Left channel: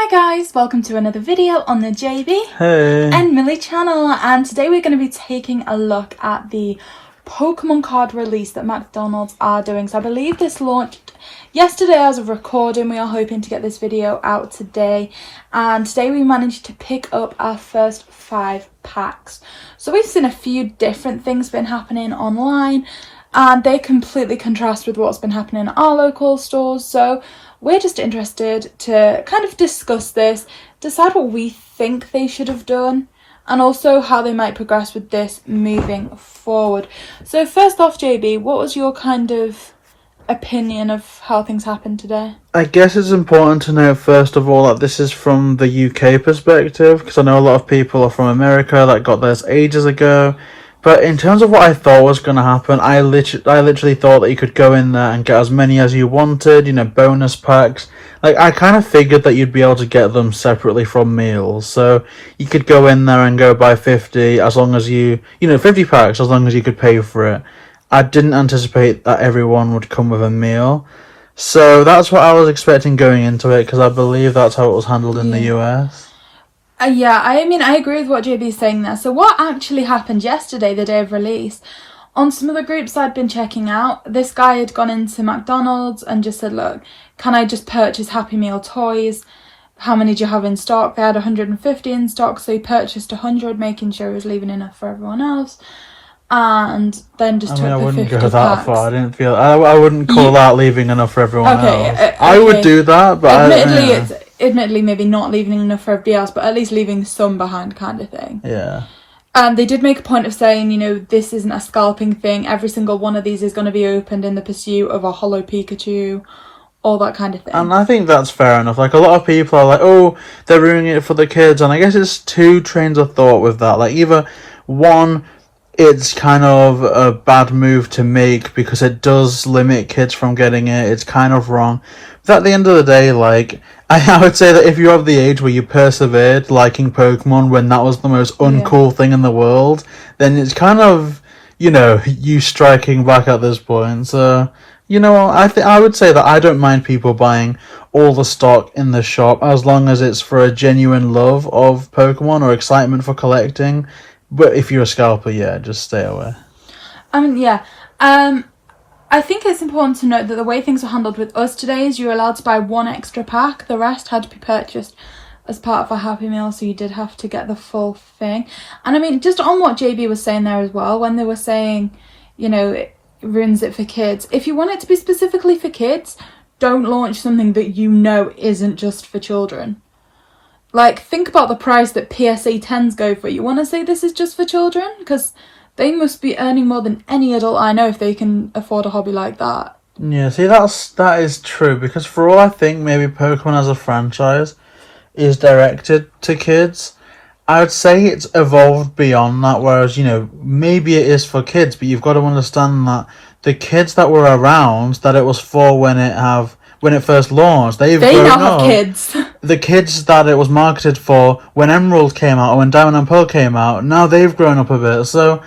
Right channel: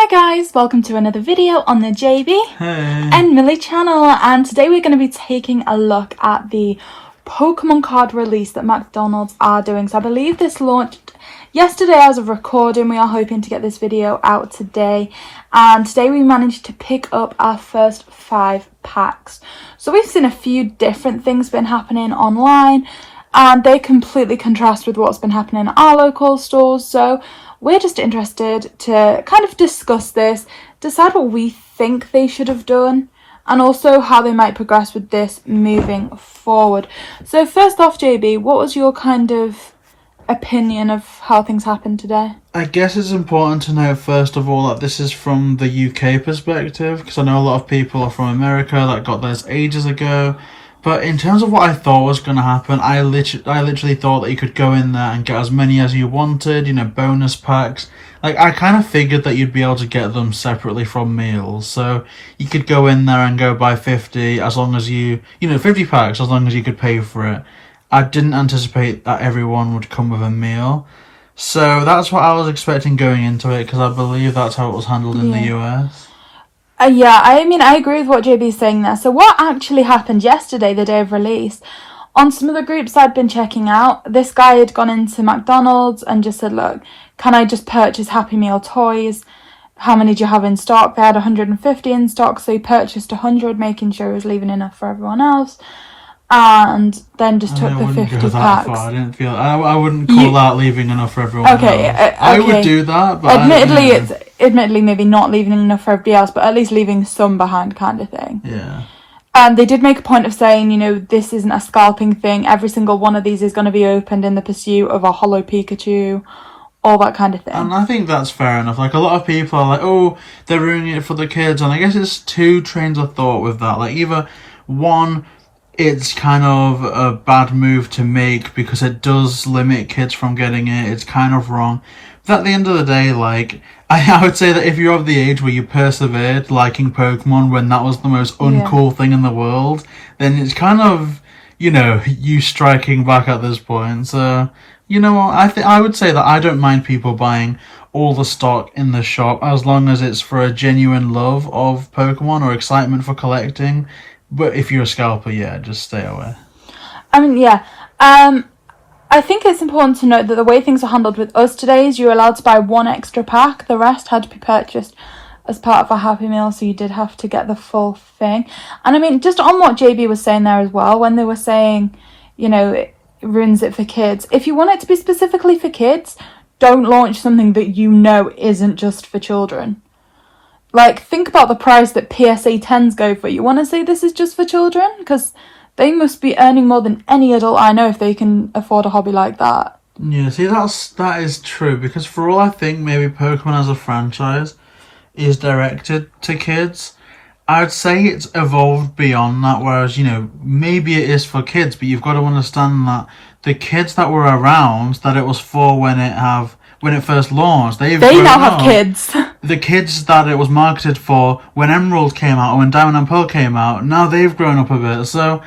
Hi guys, welcome to another video on the JB Hey. and Millie channel, and today we're going to be taking a look at the Pokemon card release that McDonald's are doing. So I believe this launched yesterday as of recording. We are hoping to get this video out today, and today we managed to pick up our first 5 packs. So we've seen a few different things been happening online, and they completely contrast with what's been happening at our local stores. So we're just interested to kind of discuss this, decide what we think they should have done, and also how they might progress with this moving forward. So first off, JB, what was your kind of opinion of how things happened today? I guess it's important to note first of all that this is from the UK perspective, because I know a lot of people are from America that got theirs ages ago. But in terms of what I thought was going to happen, I literally thought that you could go in there and get as many as you wanted, bonus packs. Like, I kind of figured that you'd be able to get them separately from meals. So you could go in there and go buy 50 as long as 50 packs as long as you could pay for it. I didn't anticipate that everyone would come with a meal. So that's what I was expecting going into it, because I believe that's how it was handled in the US. I agree with what JB's saying there. So what actually happened yesterday, the day of release, on some of the groups I'd been checking out, this guy had gone into McDonald's and just said, look, can I just purchase Happy Meal toys? How many do you have in stock? They had 150 in stock, so he purchased 100, making sure he was leaving enough for everyone else. And then just took the 50 go that packs. far. I wouldn't call that leaving enough for everyone else. I would do that, but admittedly maybe not leaving enough for everybody else, but at least leaving some behind, kind of thing. Yeah. And they did make a point of saying, this isn't a scalping thing. Every single one of these is going to be opened in the pursuit of a holo Pikachu, all that kind of thing. And I think that's fair enough. Like, a lot of people are like, oh, they're ruining it for the kids. And I guess it's two trains of thought with that. Like, either one, it's kind of a bad move to make because it does limit kids from getting it. It's kind of wrong. But at the end of the day, like, I would say that if you're of the age where you persevered liking Pokemon when that was the most uncool thing in the world, then it's kind of, you striking back at this point. So, I would say that I don't mind people buying all the stock in the shop as long as it's for a genuine love of Pokemon or excitement for collecting. But if you're a scalper, just stay away. I think it's important to note that the way things are handled with us today is you're allowed to buy 1 extra pack. The rest had to be purchased as part of a Happy Meal, so you did have to get the full thing. And just on what JB was saying there as well, when they were saying, it ruins it for kids. If you want it to be specifically for kids, don't launch something that isn't just for children. Like, think about the price that PSA 10s go for. You want to say this is just for children? Because they must be earning more than any adult I know if they can afford a hobby like that. Yeah, see, that is true, because for all I think maybe Pokemon as a franchise is directed to kids, I would say it's evolved beyond that, whereas, maybe it is for kids, but you've got to understand that the kids that were around that it was for when it first launched, they now have kids. The kids that it was marketed for when Emerald came out or when Diamond and Pearl came out, now they've grown up a bit, so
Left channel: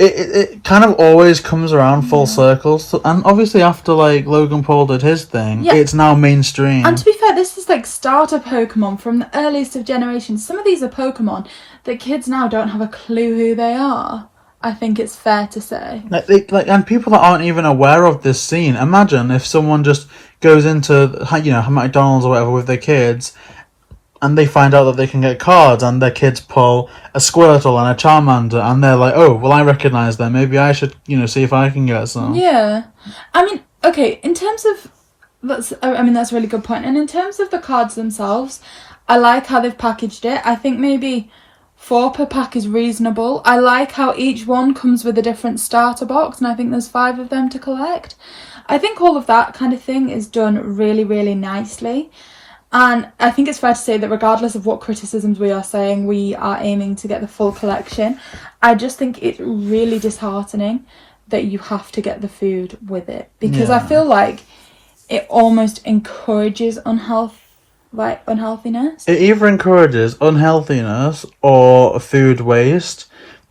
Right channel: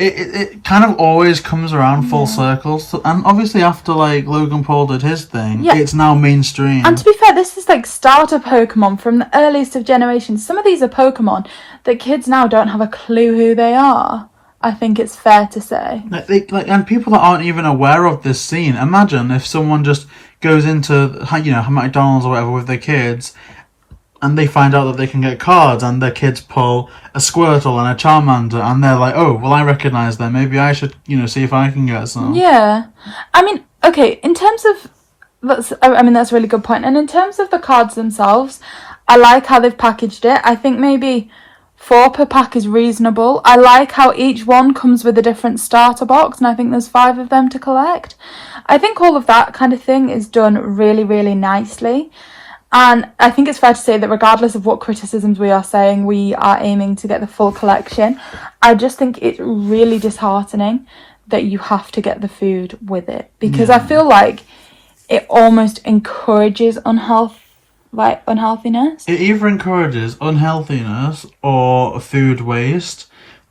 it kind of always comes around full circle. So, and obviously after, like, Logan Paul did his thing, it's now mainstream. And to be fair, this is like starter Pokemon from the earliest of generations. Some of these are Pokemon that kids now don't have a clue who they are. I think it's fair to say. And people that aren't even aware of this scene. Imagine if someone just goes into, McDonald's or whatever with their kids, and they find out that they can get cards, and their kids pull a Squirtle and a Charmander, and they're like, oh, well, I recognise them. Maybe I should, see if I can get some. Yeah. In terms of... that's a really good point. And in terms of the cards themselves, I like how they've packaged it. I think maybe 4 per pack is reasonable. I like how each one comes with a different starter box, and I think there's 5 of them to collect. I think all of that kind of thing is done really, really nicely. And I think it's fair to say that regardless of what criticisms we are saying, we are aiming to get the full collection. I just think it's really disheartening that you have to get the food with it. Because I feel like it almost encourages unhealthiness. It either encourages unhealthiness or food waste.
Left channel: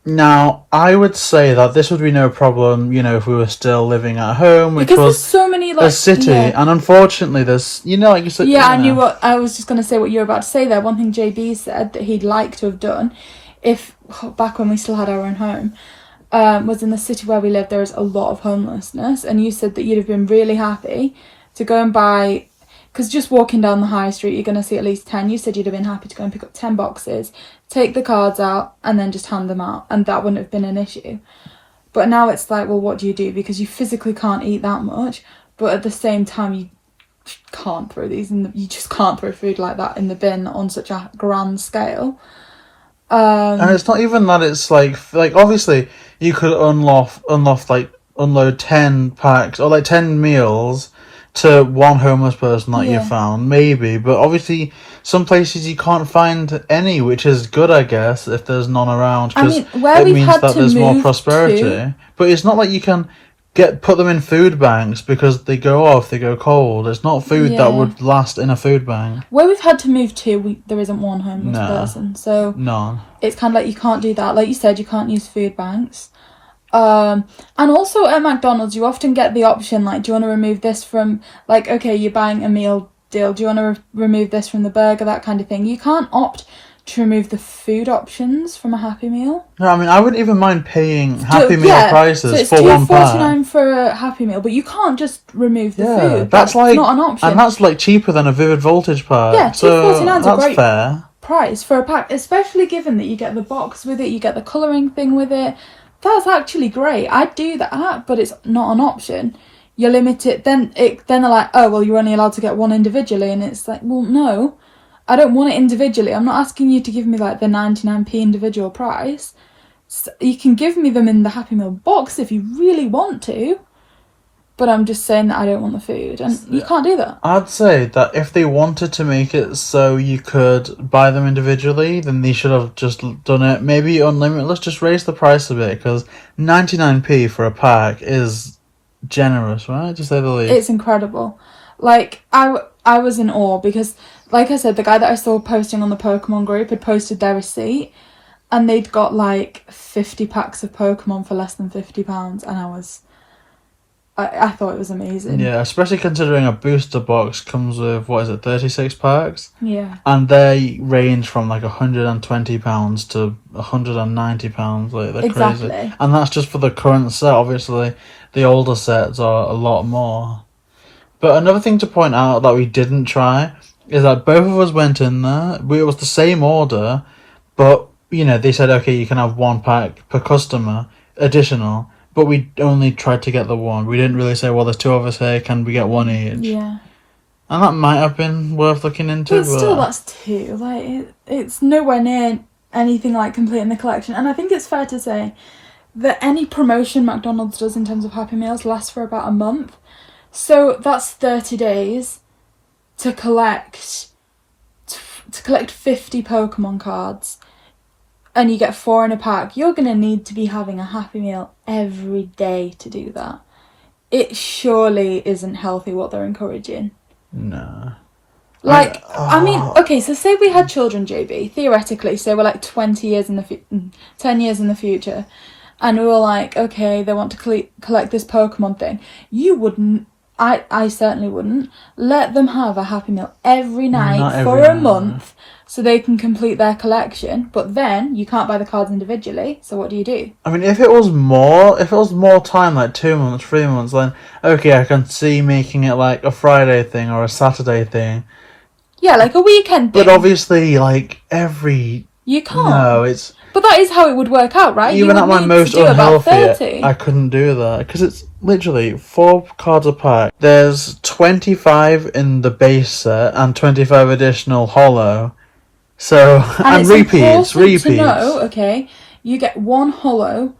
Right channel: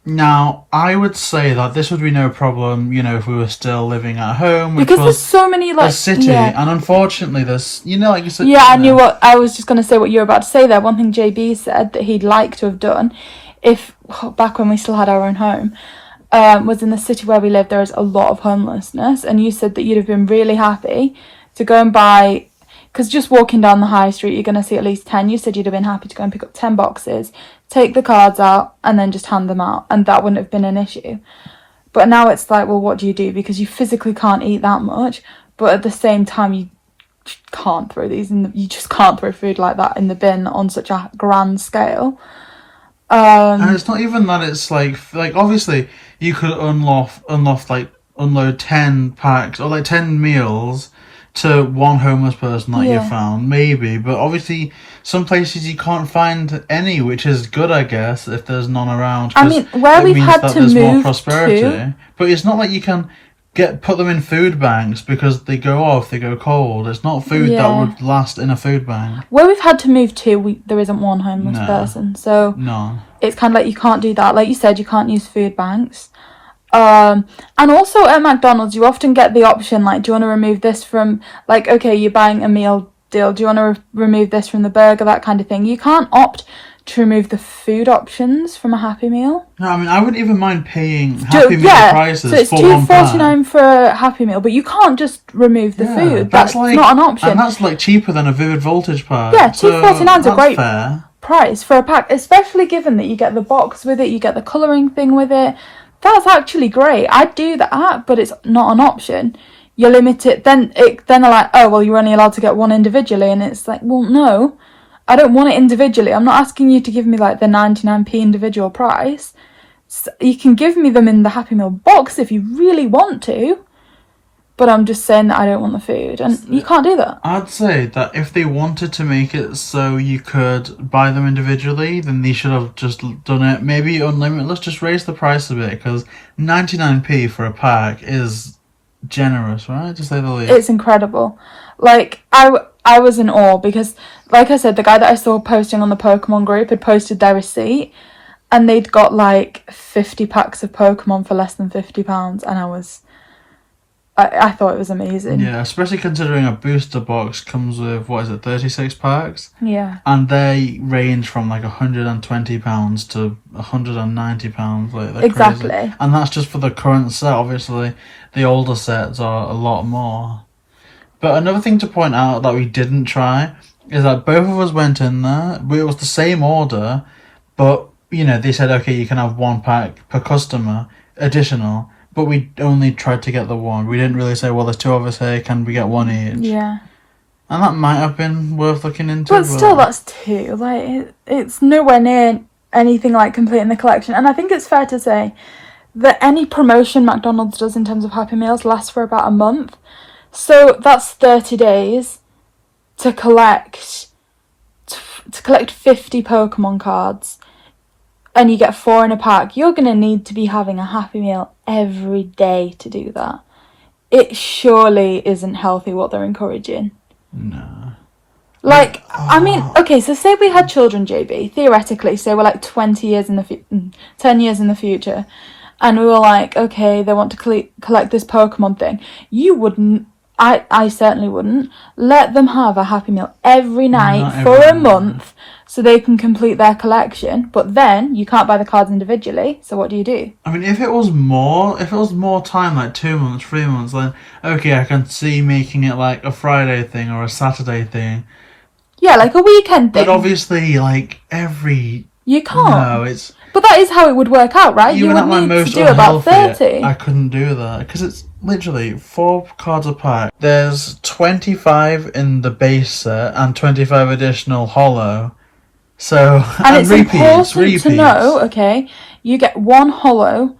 Now, I would say that this would be no problem, you know, if we were still living at home, which Because there's was so many, like, a city, yeah. and unfortunately there's, you know, like you said... Yeah, you I know, knew what... I was just going to say what you were about to say there. One thing JB said that he'd like to have done, if... back when we still had our own home, was in the city where we live, there is a lot of homelessness, and you said that you'd have been really happy to go and buy... Because just walking down the high street, you're going to see at least 10. You said you'd have been happy to go and pick up 10 boxes, take the cards out, and then just hand them out, and that wouldn't have been an issue. But now it's like, well, what do you do? Because you physically can't eat that much, but at the same time, you can't throw these in you just can't throw food like that in the bin on such a grand scale. And it's not even that, it's like obviously you could unload 10 packs or like 10 meals to one homeless person that you found, maybe, but obviously some places you can't find any, which is good, I guess, if there's none around. I mean, where we've had to there's more move prosperity. to... But it's not like you can put them in food banks because they go off, they go cold. It's not food that would last in a food bank. Where we've had to move to, there isn't one homeless person, so it's kind of like you can't do that. Like you said, you can't use food banks. And also at McDonald's, you often get the option, like, do you want to remove this from, like, okay, you're buying a meal deal, do you want to remove this from the burger, that kind of thing. You can't opt to remove the food options from a Happy Meal. No, I mean, I wouldn't even mind paying Happy Meal prices so it's for one pack. $2.49 for a Happy Meal, but you can't just remove the food. That's like, not an option. And that's like cheaper than a Vivid Voltage pack. Yeah, $2.49 is a great fair price for a pack, especially given that you get the box with it, you get the colouring thing with it. That's actually great. I'd do that, but it's not an option. You're limited. Then they're like, oh, well, you're only allowed to get one individually. And it's like, well, no, I don't want it individually. I'm not asking you to give me like the 99p individual price. So you can give me them in the Happy Meal box if you really want to. But I'm just saying that I don't want the food. And you can't do that. I'd say that if they wanted to make it so you could buy them individually, then they should have just done it. Maybe unlimited. Let's just raise the price a bit, because 99p for a pack is generous, right? To say the least. It's incredible. Like, I was in awe because, like I said, the guy that I saw posting on the Pokemon group had posted their receipt and they'd got like 50 packs of Pokemon for less than £50, and I thought it was amazing. Yeah, especially considering a booster box comes with, 36 packs? Yeah. And they range from like £120 to £190, like they're crazy. And that's just for the current set. Obviously, the older sets are a lot more. But another thing to point out that we didn't try is that both of us went in there. It was the same order, but, you know, they said, okay, you can have one pack per customer, additional. But we only tried to get the one. We didn't really say, well, there's two of us here, can we get one each? Yeah. And that might have been worth looking into. But still, that's two. Like, it's nowhere near anything like completing the collection. And I think it's fair to say that any promotion McDonald's does in terms of Happy Meals lasts for about a month. So that's 30 days to collect 50 Pokemon cards. And you get 4 in a pack. You're going to need to be having a Happy Meal every day to do that. It surely isn't healthy what they're encouraging. No. Like, I mean, okay, so say we had children, JB, theoretically, say we're like 10 years in the future, and we were like, okay, they want to collect this Pokemon thing. You wouldn't, I certainly wouldn't, let them have a Happy Meal every night for a month, so they can complete their collection, but then you can't buy the cards individually, so what do you do? I mean, if it was more time, like 2 months, 3 months, then okay, I can see making it like a Friday thing or a Saturday thing. Yeah, like a weekend thing. But obviously, like, You can't. No, it's... But that is how it would work out, right? Even at my most unhealthy, 30. I couldn't do that. Because it's literally 4 cards a pack. There's 25 in the base set and 25 additional holo. So, and repeats. To know, okay, you get 1 holo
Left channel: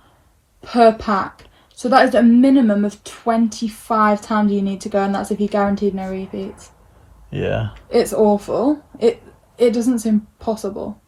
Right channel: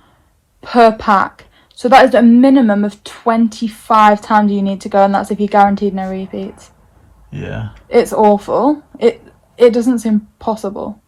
per pack. So that is a minimum of 25 times you need to go, and that's if you're guaranteed no repeats. Yeah. It's awful. It doesn't seem possible.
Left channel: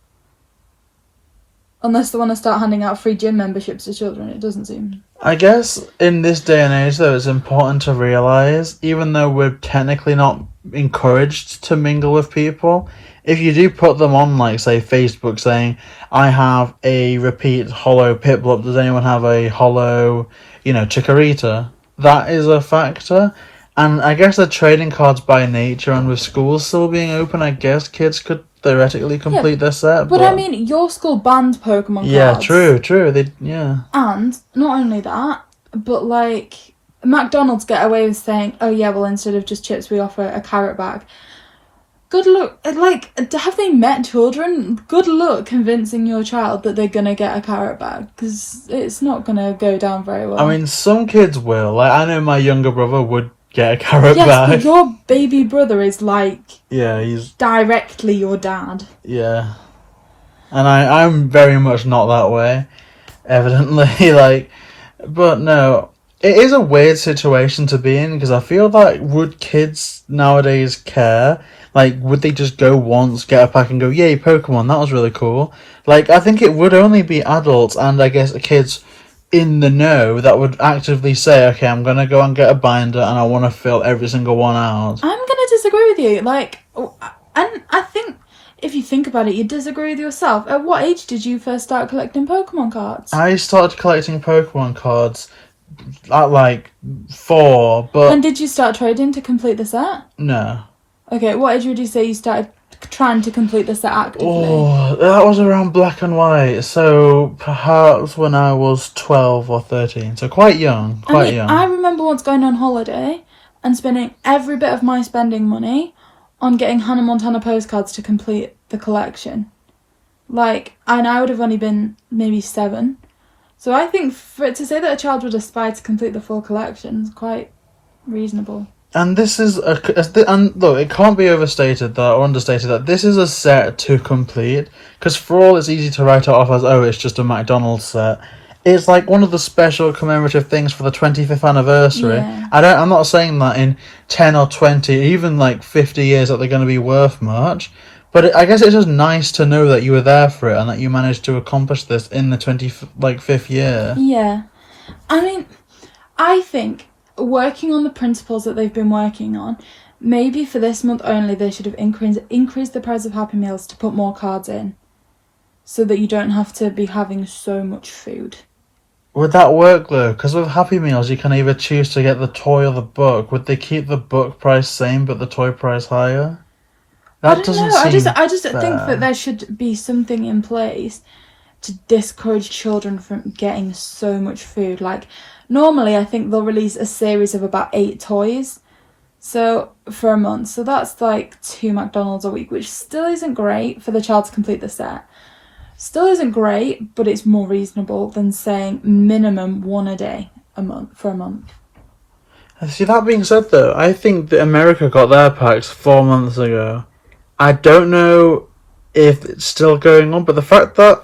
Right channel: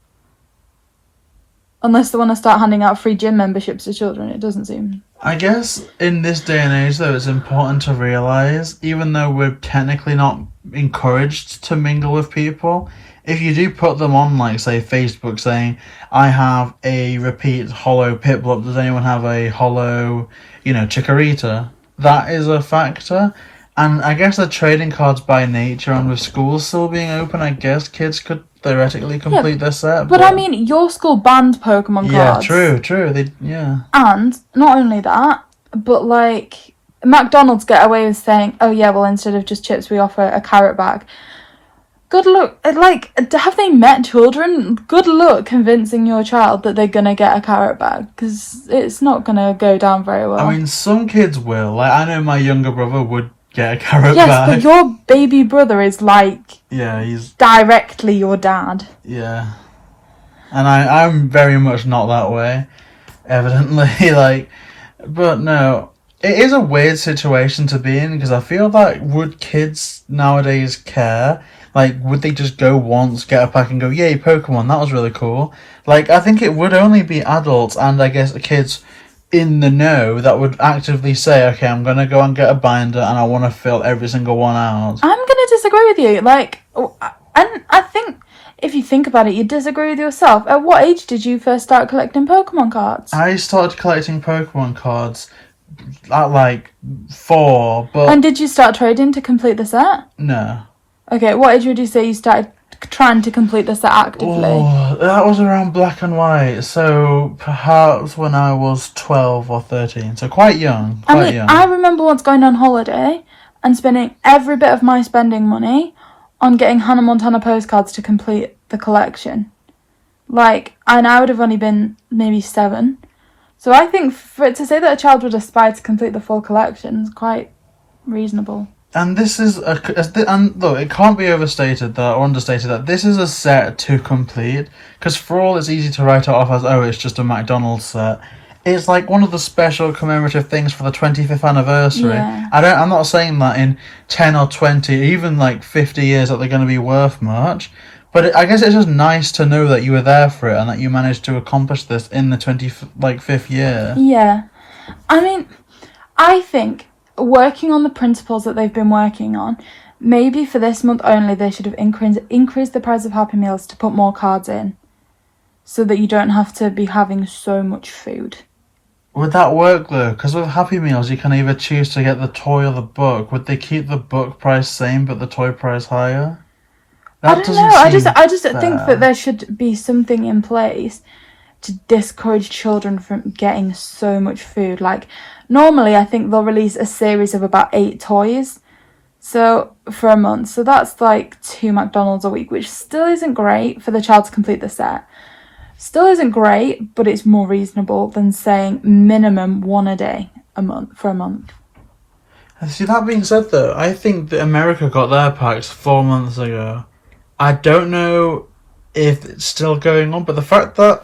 Unless they want to start handing out free gym memberships to children, it doesn't seem. I guess in this day and age, though, it's important to realise, even though we're technically not encouraged to mingle with people, if you do put them on, like, say, Facebook, saying, I have a repeat hollow Piplup, does anyone have a hollow, Chikorita? That is a factor. And I guess the trading cards by nature, and with schools still being open, I guess kids could theoretically complete their set. But I mean, your school banned Pokemon cards. Yeah, true. And not only that, but like McDonald's get away with saying, oh yeah, well, instead of just chips, we offer a carrot bag. Good luck. Like, have they met children? Good luck convincing your child that they're gonna get a carrot bag, because it's not gonna go down very well. I mean, some kids will. Like, I know my younger brother would get a carrot bag. Yes, but your baby brother is like... Yeah, he's... directly your dad. Yeah. And I'm very much not that way, evidently. But no, it is a weird situation to be in, because I feel like, would kids nowadays care? Like, would they just go once, get a pack and go, yay, Pokemon, that was really cool? Like, I think it would only be adults and, I guess, kids in the know that would actively say, okay, I'm going to go and get a binder and I want to fill every single one out. I'm going to disagree with you. Like, and I think if you think about it, you disagree with yourself. At what age did you first start collecting Pokemon cards? I started collecting Pokemon cards at 4, but... When did you start trading to complete the set? No. Okay, what age would you say you started trying to complete the set actively? Oh, that was around Black and White, so perhaps when I was 12 or 13, so quite young. I remember once going on holiday and spending every bit of my spending money on getting Hannah Montana postcards to complete the collection. And I would have only been maybe 7. So I think for it to say that a child would aspire to complete the full collection is quite reasonable. And this is and look, it can't be overstated that or understated that this is a set to complete, because for all it's easy to write it off as, oh, it's just a McDonald's set. It's like one of the special commemorative things for the 25th anniversary. Yeah. I'm not saying that in 10 or 20, even 50 years that they're going to be worth much, but I guess it's just nice to know that you were there for it and that you managed to accomplish this in the 25th year. Yeah. I mean, I think working on the principles that they've been working on, maybe for this month only they should have increased the price of Happy Meals to put more cards in, so that you don't have to be having so much food. Would that work though? Because with Happy Meals you can either choose to get the toy or the book. Would they keep the book price same but the toy price higher? I don't know. I just think that there should be something in place to discourage children from getting so much food. Normally, I think they'll release a series of about 8 toys, so for a month. So that's 2 McDonald's a week, which still isn't great for the child to complete the set. Still isn't great, but it's more reasonable than saying minimum 1 a day for a month. See, that being said though, I think that America got their packs 4 months ago. I don't know if it's still going on, but the fact that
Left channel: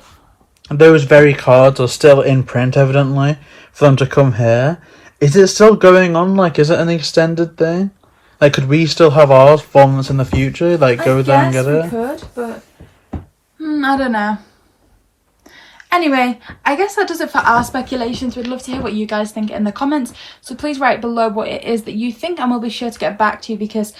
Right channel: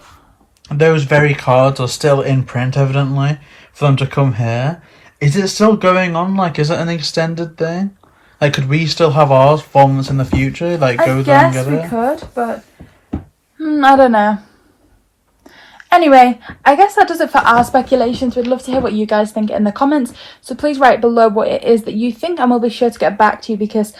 those very cards are still in print, evidently, for them to come here, is it still going on? Is it an extended thing? Could we still have ours 4 months in the future? Go there and get it? I guess we could, but I don't know. Anyway, I guess that does it for our speculations. We'd love to hear what you guys think in the comments, so please write below what it is that you think, and we'll be sure to get back to you, because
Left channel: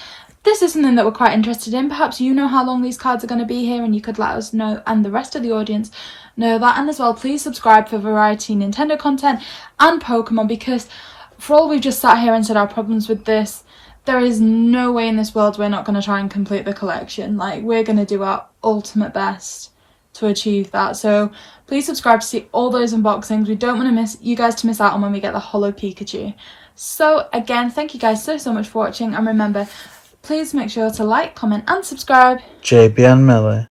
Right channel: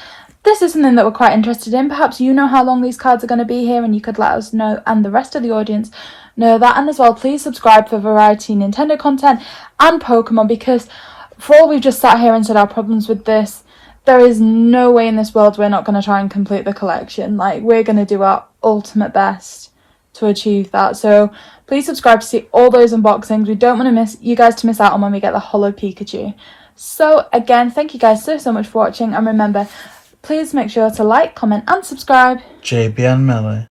this is something that we're quite interested in. Perhaps you know how long these cards are going to be here, and you could let us know, and the rest of the audience know that. And as well, please subscribe for variety Nintendo content and Pokemon, because for all we've just sat here and said our problems with this, there is no way in this world we're not going to try and complete the collection. We're going to do our ultimate best to achieve that. So please subscribe to see all those unboxings. We don't want you guys to miss out on when we get the Holo Pikachu. So again, thank you guys so much for watching, and remember, please make sure to like, comment and subscribe. JB and Millie.